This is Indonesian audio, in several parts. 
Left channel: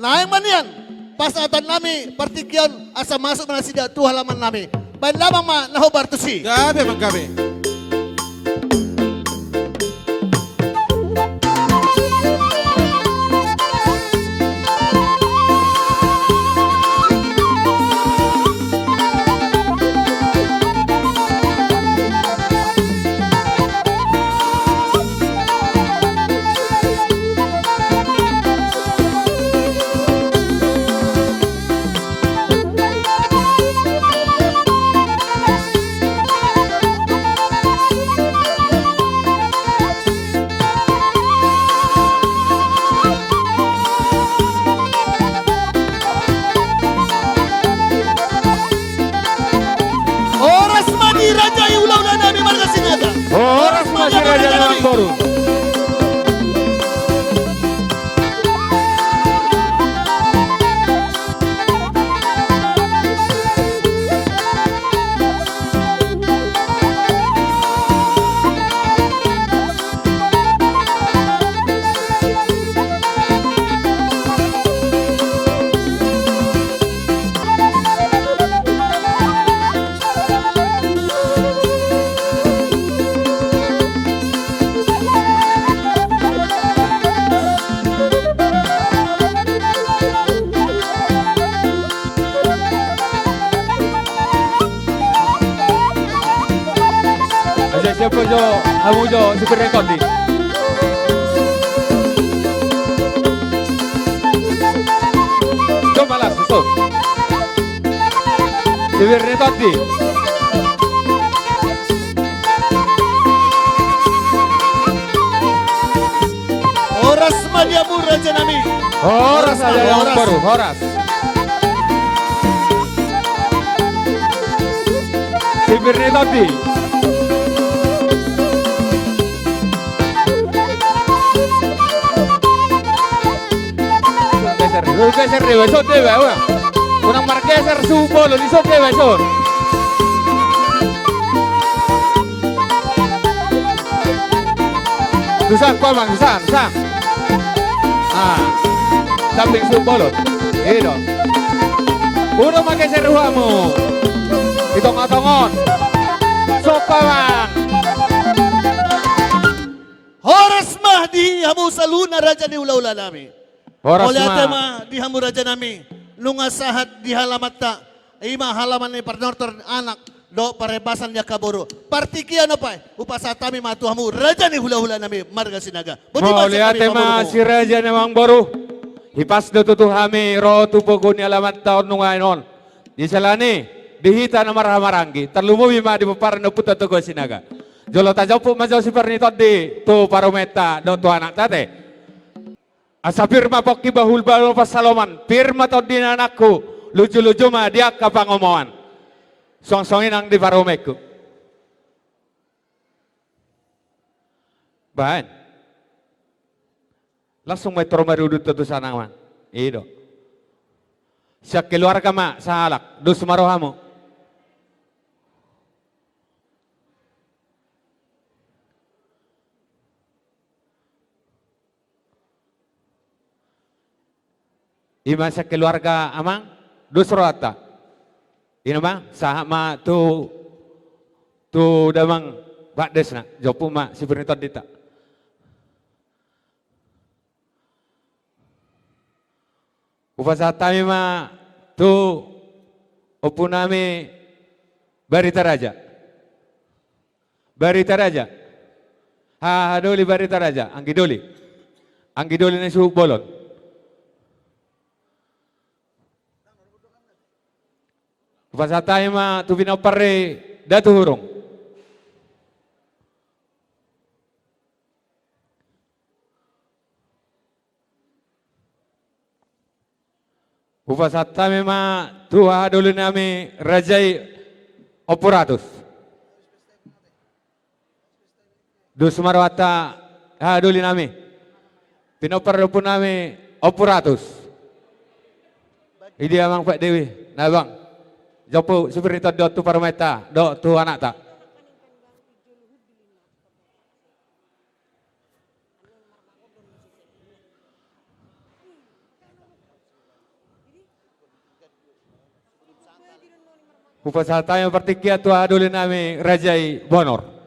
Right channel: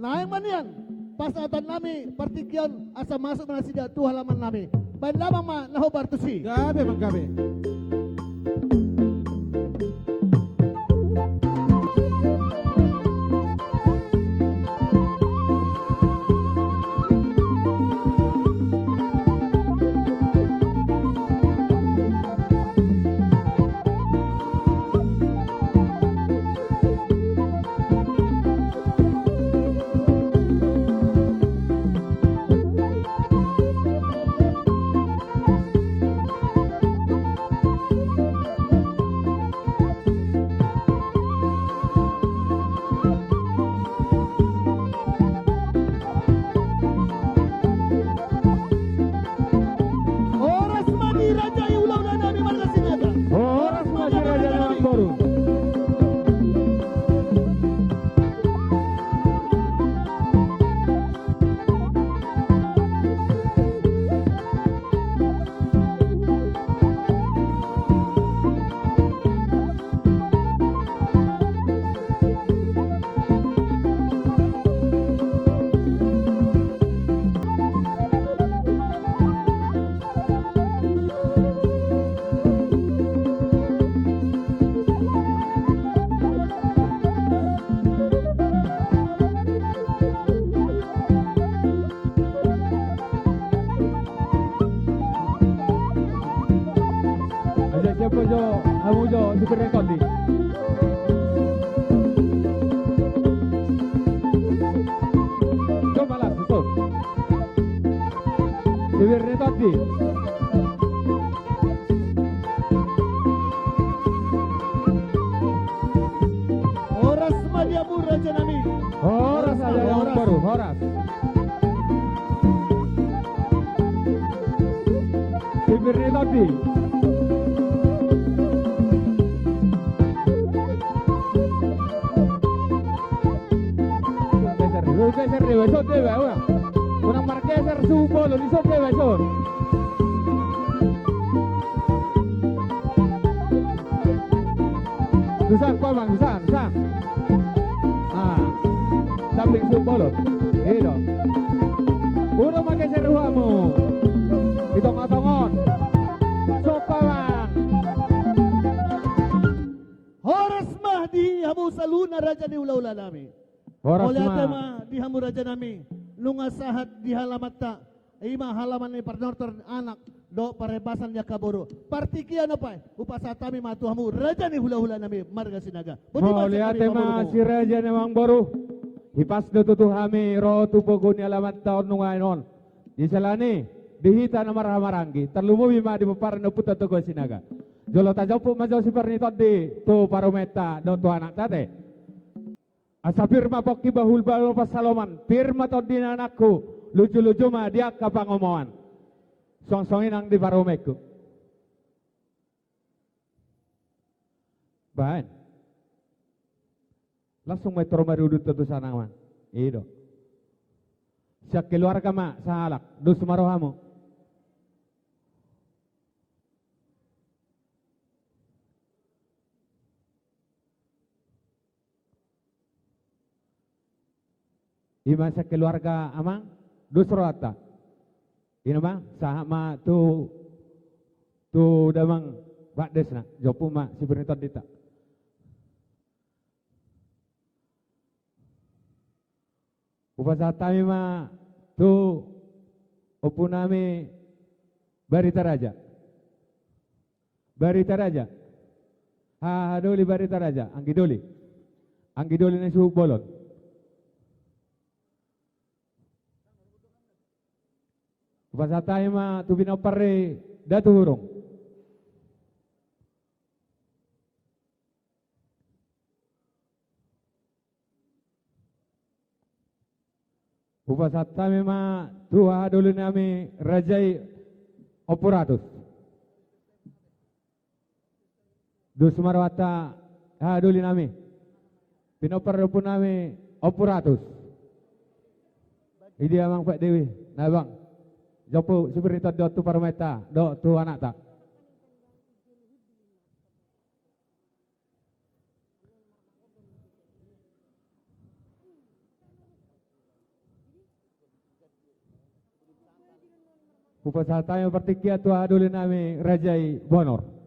naik manian pas atan nami partikian asa masuk mana sida tu halaman nami. Bain lamang ma naho bartusi. Gabi mang gabi. Oras madi raja ulau dan nami marga sinaga. Oras masih raja Lawang Boru. Aja siapa jo, kamu jo super rekod di. Coba lah, so. Super rekod di. Oras madi abu raja nami. Horas aja Lawang Boru, horas. Super rekod di. Geser deh, besok deh, wah. Kurang margeser supo lo, disok deh, besok. Susah, kau bang, susah. Ah, samping supo lo, gitu. Udah margeser ruamu, hitung-hitungan. Sok bang. Horas mahdi hamu saluna raja ni ulau nami. Horas Oleh mah. tema di hamu raja nami. Lunga sahat di halamat ta. Ima halaman ni parnortor anak. Do parebasan ya kaburu. Partikian apa? Upasatami matu hamu raja ni hula-hula nami marga sinaga. Mau lihat tema si raja Lawang Boru. Hipas do tutuhami ro tupogon ni alamat taon nungainon. Di salani dihita na marhamaranggi. Terlumu bima di peparan no puta tugo sinaga. Jolo tajopu majo si pernitot di tu parometa do tu anak tate. Asa firma pokki bahul balo pasaloman. Firma to din anakku. Lucu-lucu mah dia kapangomoan. Song-songin ang di paromeku. Bahan. Langsung metro marudut tu sana man. Ido. Siap keluarga ma sa halak. Dus marohamo. Ima sa keluarga amang dus rata. Ina bang sahama tu damang Pak Desna jopu ma si bernitot dita. Upasatami ma tu opunami Barita Raja. Barita Raja. Ha doli Barita Raja, anggi doli. Anggi doli ni suhu bolon. Upasatami ma tu binopare datu hurung. Upasatami ma tu dulu nami Rajai Opuratus. Dus marwata dulu nami. Pinopare pun nami Opuratus. Idi amang Pak Dewi, nabang. Jopo superita do tu parmeta, do tu anak tak. Upasa tayo partikia tua adulin nami Rajai Bonor.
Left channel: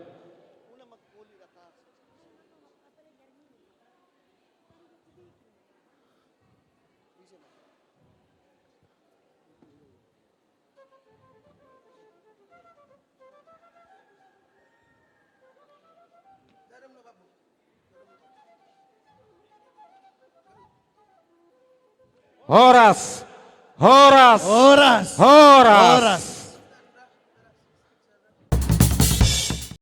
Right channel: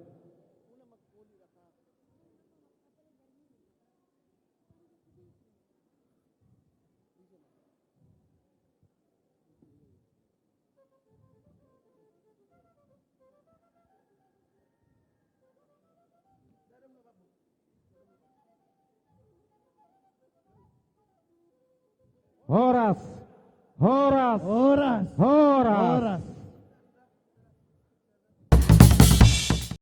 Horas, horas, Oras. horas. Oras.